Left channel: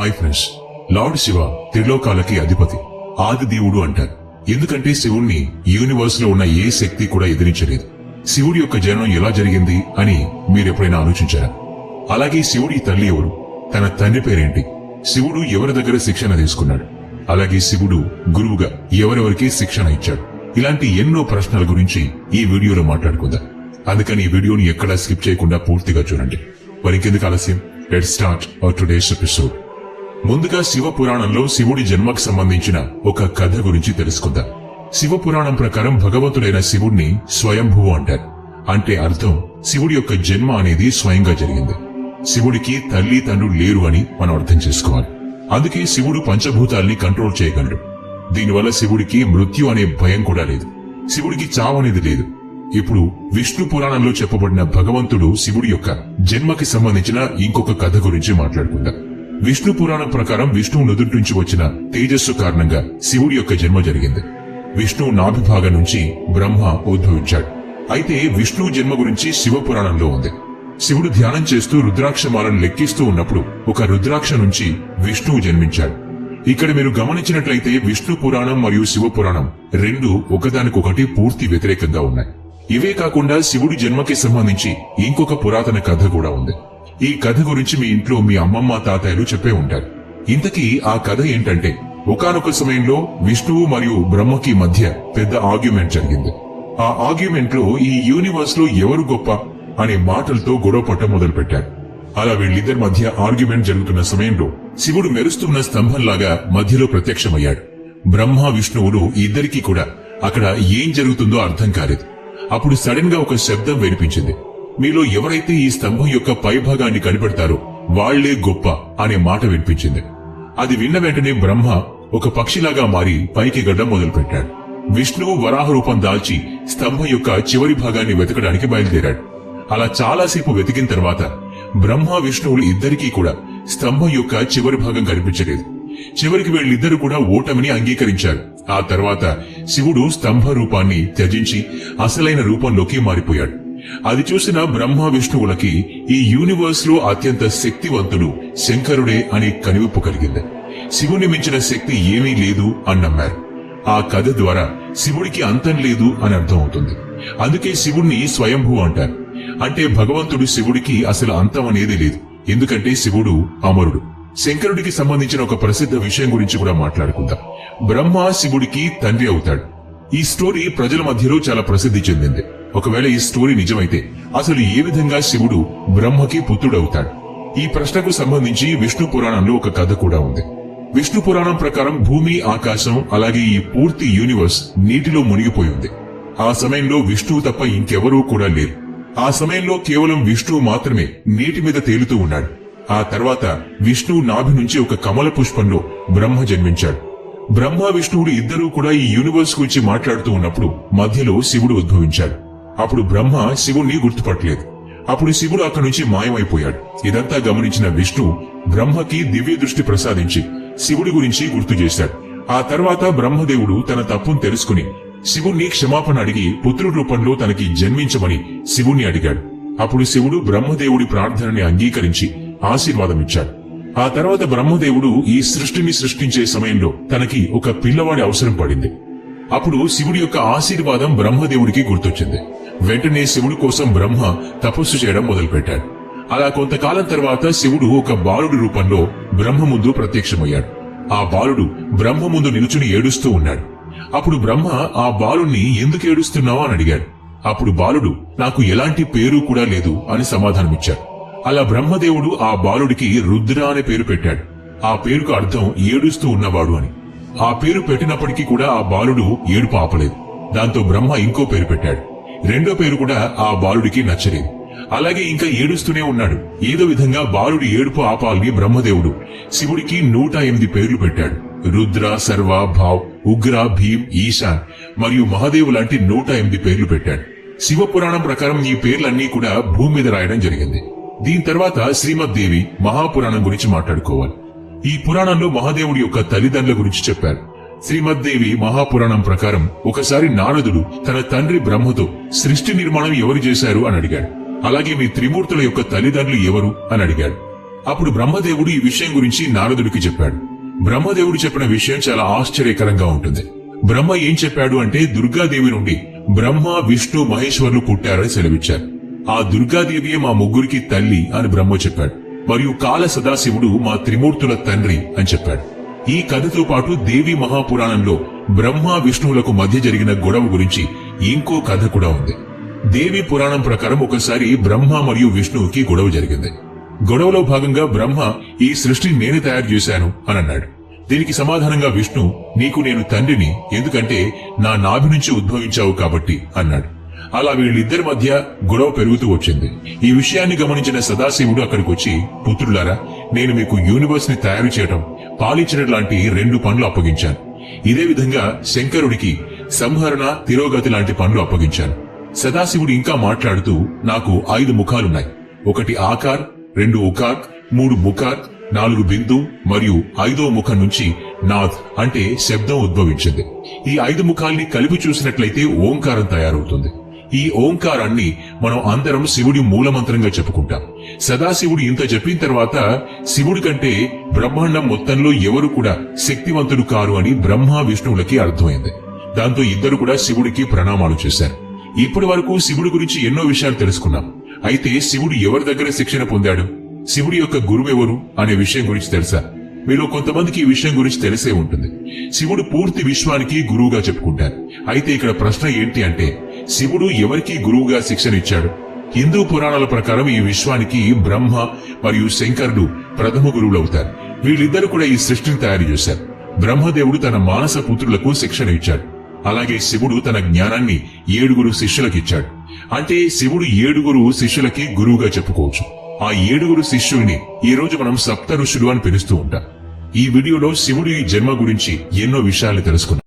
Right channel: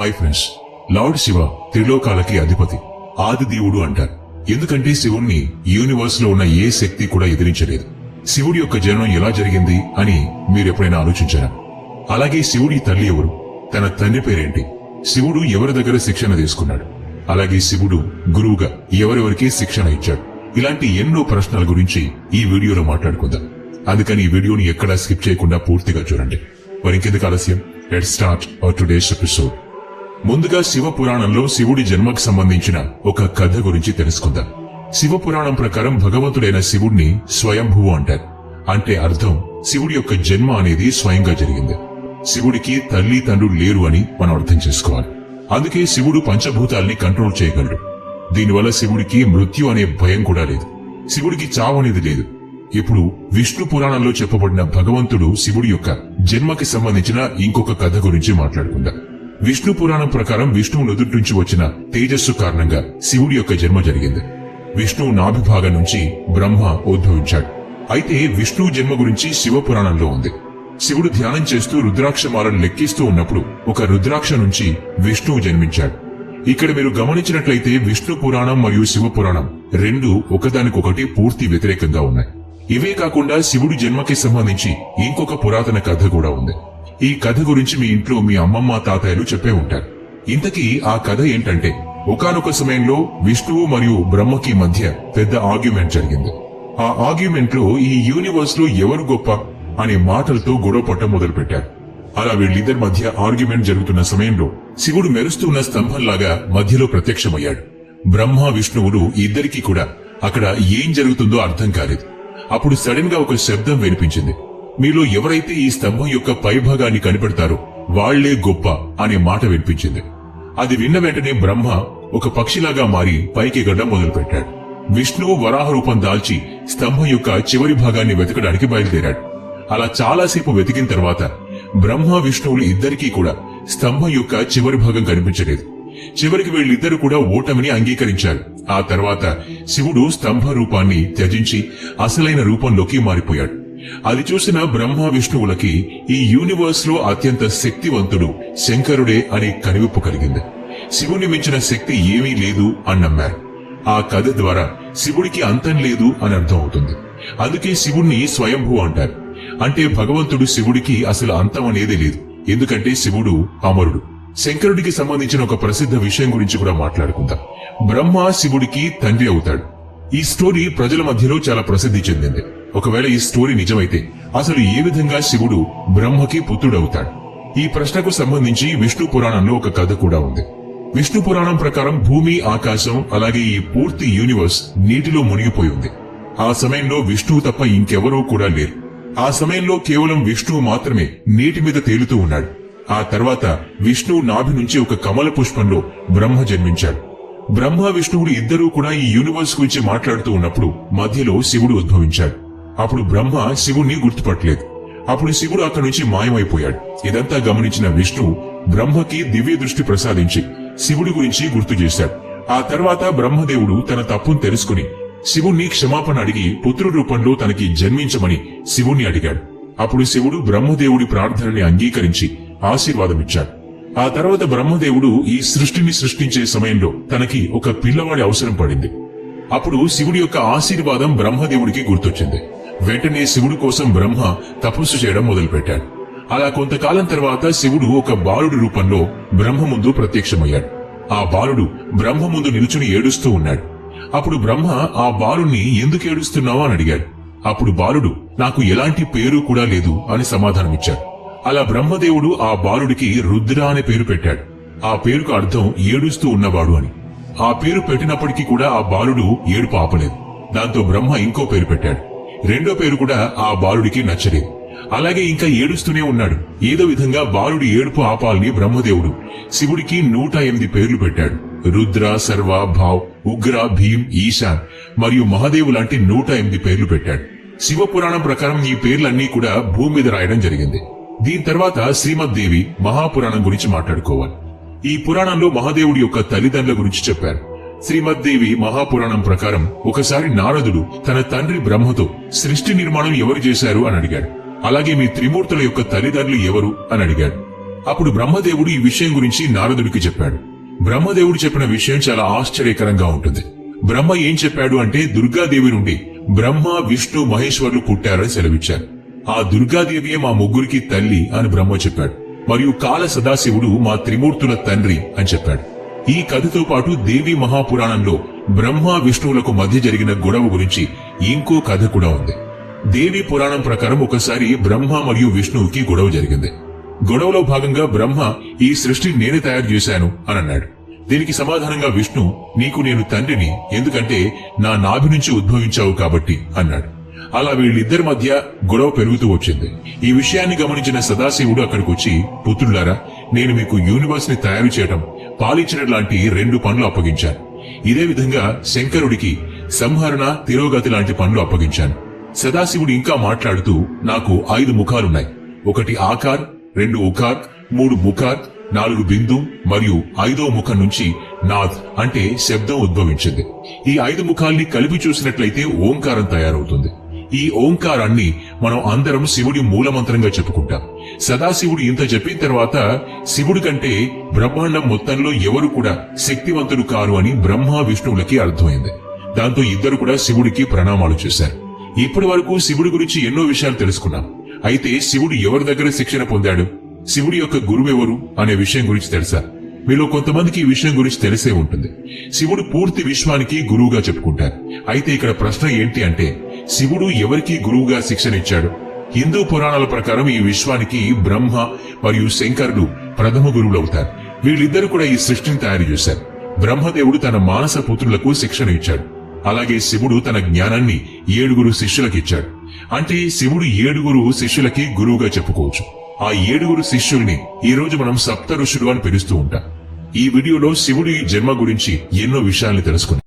Hi friends, lord Shiva త్రిలోకాలకి అధిపతి, ఆది దేవుడు అంటారు. ఎందుకంటే శివుణ్ణి యూనివర్స్ లో ఉన్న ఏ శక్తి కూడా ఎదిరించలేదు. శివుడి యొక్క జననం ఎలా జరిగింది అని మీరెప్పుడైనా ఆలోచించారా? అలాగే శివుడి తల్లి ఎవరు? తన తండ్రి పేరేంటి? శివుడు ఎవరి దగ్గర శిక్షణ తీసుకున్నాడు? అలాగే శివుడు గురువుగా ఎవరెవరికి శిక్షణ ఇచ్చాడు? ఇలాంటి ఎన్నో ప్రశ్నల గురించి ఈ వీడియోలో మాట్లాడుకుందాం. అందుకని ఈ వీడియోని ఎక్కడా స్కిప్ చేయకుండా పూర్తిగా చూడండి. మరి ఇంకెందుకు ఆలస్యం, let's start our today's episode. ముందుగా శివ పురాణంలో శివుడి జన్మకు సంబంధించిన ఒక కథ గురించి తెలుసుకుందాం. శివ పురాణం ప్రకారం భగవంతుడైన శివుడిని స్వయంభువు అంటారు. అంటే అర్థం శివుడి యొక్క జన్మ అనేది స్వయంగా జరిగింది. శివుడికి తల్లి తండ్రులు లేరు అని మనం అర్థం చేసుకోవాలి. అందుకే శివుడు పంచభూతాల్ని కంట్రోల్ చేయగలడు. దీనివల్ల శివుడికి మృత్యు అనే భయం కూడా లేదు. శివుడికి చావు అనేది లేదు. ఇప్పుడు విష్ణు పురాణంలో చెప్పబడిన భగవంతుడు శివుడి యొక్క జన్మకి సంబంధించిన ఇంకొక కథ గురించి మాట్లాడుకుందాం. విష్ణు పురాణం ప్రకారం విష్ణువు నుదుటి నుంచి వచ్చిన తేజస్సు కారణంగా శివుడి యొక్క జన్మ జరిగింది. విష్ణువు నాభిభాగం నుంచి బ్రహ్మ ఉద్భవించాడు. అయితే విష్ణువు జన్మ గురించి శివ పురాణంలో ఉంది. శివుడు ధ్యానం చేస్తూ రుద్రాక్షమాలను లెక్కిస్తూ ఉన్నప్పుడు ఒక రుద్రాక్ష నుంచి విష్ణువు జన్మించాడు. ఇక్కడ మీరు గమనించినట్లయితే విష్ణు పురాణం మరియు శివ పురాణం రెండు ఒకదానికొకటి పూర్తి వ్యతిరేకంగా ఉన్నాయి. ఇవే కాకుండా శివుడి జన్మకి సంబంధించి ఇంకొక పురాతన కథ కూడా ఉంది. ఈ కథ గురించి మీ ఇంట్లో మీ అమ్మమ్మ తాతయ్యలు చెప్పే ఉంటారు. ఇంతకీ ఆ కథ ఏంటంటే, ఒకానొక సమయంలో విష్ణువు మరియు బ్రహ్మకి మధ్య పెద్ద ఆర్గ్యుమెంట్ జరిగింది. ఆ ఆర్గ్యుమెంట్ లో ఈ యూనివర్స్ లో ఎవరు గొప్ప అనే మాటలతో గొడవ పట్టం మొదలు పెట్టారు. అలా వీళ్ళిద్దరి మధ్య ఆర్గ్యుమెంట్ జరుగుతున్న సమయంలో శివుడు మెరుస్తున్న స్తంభంలాగా మధ్యలో ప్రత్యక్షమయ్యాడు. బ్రహ్మ విష్ణువులు ఇద్దరికీ కూడా అక్కడ ఏం జరుగుతుందో అర్థం కాలేదు. అప్పుడు సడన్ గా ఒక శబ్దం వినిపించింది. మీలో ఎవరైతే ఈ స్తంభం యొక్క పైభాగాన్ని కనిపెడతారో వాళ్లే గొప్ప అనే మాట వినిపించింది. అది విన్న వెంటనే బ్రహ్మ ఒక పక్షిలాగా మారి పైకి ఎగరడం మొదలు పెట్టాడు. విష్ణువు వరాహ రూపం దాల్చి స్తంభం యొక్క చివరి భాగాన్ని వెతకడానికి బయలుదేరాడు. అలా చాలాసేపు వెతికిన తర్వాత బ్రహ్మ విష్ణువులు ఇద్దరికీ కూడా స్తంభం యొక్క చివరి భాగం కనిపించలేదు. చివరికి వీళ్ళిద్దరు కూడా ఓటమిని అంగీకరించారు. ఆ తర్వాత శివుడు స్తంభ రూపాన్ని త్యజించి అసలైన రూపంలోకి మారిపోయాడు. అది చూసిన బ్రహ్మ విష్ణువులకి ఈ యూనివర్స్ లో అత్యంత శక్తివంతుడు శంకరుడే అని కనివిప్పు కలిగింది. శివుని మించిన శక్తి ఏమీ లేదు అని నమ్మారు. ఆ కథ ద్వారా శివుడికి అంతం లేదు అని అర్థం అవుతుంది. అందుకే శివుణ్ణి స్వయంభూ అంటారు. అంటే భగవంతుడు శివుడికి అసలు అంతం అనేది లేదు. ఎందుకంటే శివుడు అమరుడు. శంకరుడికి సంబంధించిన ఒక ప్రసిద్ధ విషయం గురించి కూడా మాట్లాడుకుందాం. బ్రహ్మ శివుడికి తండ్రి అవుతాడు. ఈ స్టోరీ ప్రజల మధ్యలో చాలా ప్రసిద్ధి చెందింది. ఒకవేళ ఈ స్టోరీ నిజమైతే అసలు ఏ విధంగా శివుడు బ్రహ్మకి పుత్రుడవుతాడు? ఈ ప్రశ్నకు సంబంధించి విష్ణు పురాణంలో ఒక కథ కూడా ఉంది. విష్ణు పురాణం ప్రకారం భూమి, ఆకాశం అలాగే ఈ పూర్తి యూనివర్స్ నీటిలో మునిగిపోయి ఉంది. ఆ సమయంలో విష్ణువు తప్ప ఇంకెవరూ కూడా లేరు. ఆ సమయంలో కేవలం విష్ణువు మాత్రమే నీటి మీద తేలుతూ ఉన్నాడు. ఆ తర్వాత విష్ణువు నాభి నుంచి ఒక కమల పుష్పంలో బ్రహ్మ జన్మించాడు. బ్రహ్మ విష్ణువుడు ఇద్దరూ కూడా ఈ యూనివర్స్ గురించి మాట్లాడుతూ ఉన్నప్పుడు మధ్యలో శివుడు ఉద్భవించాడు. అప్పుడు బ్రహ్మ శివుణ్ణి గుర్తుపట్టలేదు. అప్పుడు శివుడు అక్కడి నుంచి మాయమైపోయాడు. ఇదంతా గమనించిన విష్ణువు బ్రహ్మకి దివ్య దృష్టి ప్రసాదించి శివుడి గురించి గుర్తు చేశాడు. ఆ తర్వాత బ్రహ్మదేవుడు తన తప్పును తెలుసుకుని శివుణ్ణి క్షమాపణ అడిగి పుత్రుడి రూపంలో తనకి జన్మించమని శివుణ్ణి అడిగాడు. అప్పుడు శివుడు బ్రహ్మదేవుడి ప్రార్థనని అంగీకరించి ఆశీర్వాదమిచ్చాడు. ఆ తర్వాత బ్రహ్మదేవుడు ఈ సృష్టిని సృష్టించే సమయంలో తనకి ఒక పిల్లవాడి అవసరం పడింది. అప్పుడు శివుడి యొక్క ఆశీర్వాదం బ్రహ్మదేవుడికి గుర్తొచ్చింది. వెంటనే శివుడి కోసం బ్రహ్మ తపస్సు చేయడం మొదలుపెట్టాడు. అలా కొంతకాలం తర్వాత శివుడు ఒక బాలుడి రూపంలో బ్రహ్మ ముందు ప్రత్యక్షమయ్యాడు. ఆ బాలుడు బ్రహ్మ ముందు నిలుచుని ఏడుస్తూ ఉన్నాడు. అప్పుడు బ్రహ్మ ఆ బాలుణ్ణి ఎందుకు ఏడుస్తున్నావా అని అడిగాడు. అప్పుడు బాలుడు నాకు ఎలాంటి పేరు కూడా లేదు అని సమాధానమిచ్చాడు. అలా బ్రహ్మదేవుడు ఆ బాలుడికి రుద్ర అనే పేరు పెట్టాడు. ఆ పేరుకు అర్థం ఏడుస్తూ ఉన్నవాడు అని. ఆ పేరు పెట్టినప్పటికీ కూడా ఆ బాలుడు ఏడుపు ఆపలేదు. దాంతో బ్రహ్మ ఇంకో పేరు పెట్టాడు. రెండో పేరు కూడా ఆ బాలుడికి నచ్చలేదు. అలాగే ఇంకా ఏడుస్తూనే ఉన్నాడు. ఏదో విధంగా బాలుడి ఏడుపు ఆపాలని బ్రహ్మదేవుడు శివుడికి 108 పేర్లు పెట్టాడు. రుద్ర, సర్వ, భావ్, ఉగ్ర, భీం, ఈశాన్ మరియు మహాదేవు లాంటి 108 పేర్లు పెట్టాడు. శివ పురాణం ప్రకారం ఈ పేర్లన్నీ కూడా భూమి మీద రాయడం జరిగింది. దీని తర్వాత శ్రీమద్దేవి మహాపురాణం గురించి మాట్లాడుకోవాలి. ఈ పురాణంలో మహాదేవుడి యొక్క తల్లిదండ్రుల గురించి చెప్పారు. శ్రీమద్దేవి మహాపురాణం ప్రకారం ఒకసారి నారదుడు తన తండ్రి బ్రహ్మతో సృష్టి నిర్మాణం ఎవరు చేశారు అని అడిగాడు. అలాగే మీ త్రిమూర్తుల యొక్క తల్లిదండ్రులు ఎవరు అని అడిగాడు. అప్పుడు బ్రహ్మదేవుడు ఈ విషయం గురించి నారదుడికి చెప్పాడు. బ్రహ్మదేవుడు చెప్పిన విషయం చాలా ఆశ్చర్యకరంగా ఉంటుంది. బ్రహ్మ ఏం చెప్పాడు అంటే దుర్గాదేవి నుండి బ్రహ్మ, విష్ణు, మహేశ్వరులు పుట్టారని సెలవిచ్చారు. ఆ దుర్గాదేవియే మా ముగ్గురికి తల్లి అని బ్రహ్మ చెప్పాడు. మరియు కాల సదాశివుడు మా త్రిమూర్తుల తండ్రి అని చెప్పాడు. ఈ కథతో పాటు దేవి మహాపురాణంలో బ్రహ్మ, విష్ణువులకు మధ్య జరిగిన గొడవ గురించి ఇంకో కథ కూడా ఉంది. దేవి పురాణం ప్రకారం ఒకసారి బ్రహ్మ మరియు విష్ణువుకి గొడవ జరిగింది. గొడవలో భాగంగా బ్రహ్మ ఈ సృష్టిని నేనే తయారు చేశాను అని అన్నాడు. దీనికి సమాధానంగా విష్ణు, నీకు నేను తండ్రిని, ఎందుకంటే నా నాభి నుంచి ఉద్భవించావు కాబట్టి అన్నాడు. అలా వీళ్ళిద్దరి మధ్య గొడవ పెరుగుతూ వచ్చింది. ఈ విషయాన్ని గమనించిన సదాశివుడు అక్కడికి వచ్చి, పుత్రులారా, నేను మీకు యూనివర్స్ ని తయారు చేయడం, పాలించడం లాంటి 2 పనులు అప్పగించాను. ఇదే విధంగా శంకరుడికి సంహరణ, తిరోగతి లాంటి పనులు అప్పగించాను. సదాశివుడు ఇంకా మాట్లాడుతూ, నాకు 5 ముఖాలున్నాయి. 1 ఆకార్, 2 ఉకార్, 3 బుకార్, 4 బిందు మరియు 5వ ముఖం నుంచి నాథ్ అంటే శబ్దం ఉద్భవించింది. ఈ 5 ముఖాల్ని కలిపి చూసినట్లయితే ఓంకారం తయారవుతుంది. ఈ ఓంకారాన్ని మనం అందరం శివుడి మూలమంత్రంగా చెప్పుకుంటాం. సదాశివుడు ఇంత చెప్పిన తర్వాత శివుడి కంటే బ్రహ్మాండం మొత్తంలో ఎవరు కూడా శక్తివంతుడు కారు అని బ్రహ్మ, విష్ణువులకి అర్థమైంది. దాంతో ఇద్దరు కూడా శివుడికి ప్రణామాలు చేశారు. ఇప్పటి వరకు శివుడి గురించి ఎన్నో విషయాలు తెలుసుకున్నాం. అయితే శివుడు ఎవరి దగ్గర శిక్షణ పొందాడు, శివుడి యొక్క గురువెవరు అనే విషయం గురించి తెలుసా? మీలో కొంతమందికి ఈ విషయం గురించి తెలిసే ఉంటుంది. శివుడు పూర్తి విశ్వానికి గురువుగా చెప్పుకుంటారు. అయితే ఇక్కడ ప్రశ్న ఏంటి అంటే, శివుడు ఎవరికి గురువుగా శిక్షణ ఇచ్చాడు? హిందూ పురాణాల ప్రకారం ఈ విశ్వానికి బ్రహ్మ మరియు శంకరుడు ప్రథమ గురువులు అవుతారు. వీళ్ళిద్దరూ కూడా ఈ సృష్టిని తయారు చేశారు. బ్రహ్మదేవుడు తన మానస పుత్రులకు శిక్షణ ఇచ్చాడు. అలాగే శివుడు తన జ్ఞానాన్ని 7 శిష్యులకు ఇచ్చాడు. అంటే శివుడు 7 శిష్యులకి గురువుగా చెప్పుకోవచ్చు. ఆ 7 శిష్యుల్ని ఈ రోజు మనం సప్త ఋషులు అని పిలుస్తూ ఉంటాం. ఈ వీడియోలో శివుడి జన్మ గురించి ఎన్నో విషయాలు తెలుసుకున్నాం.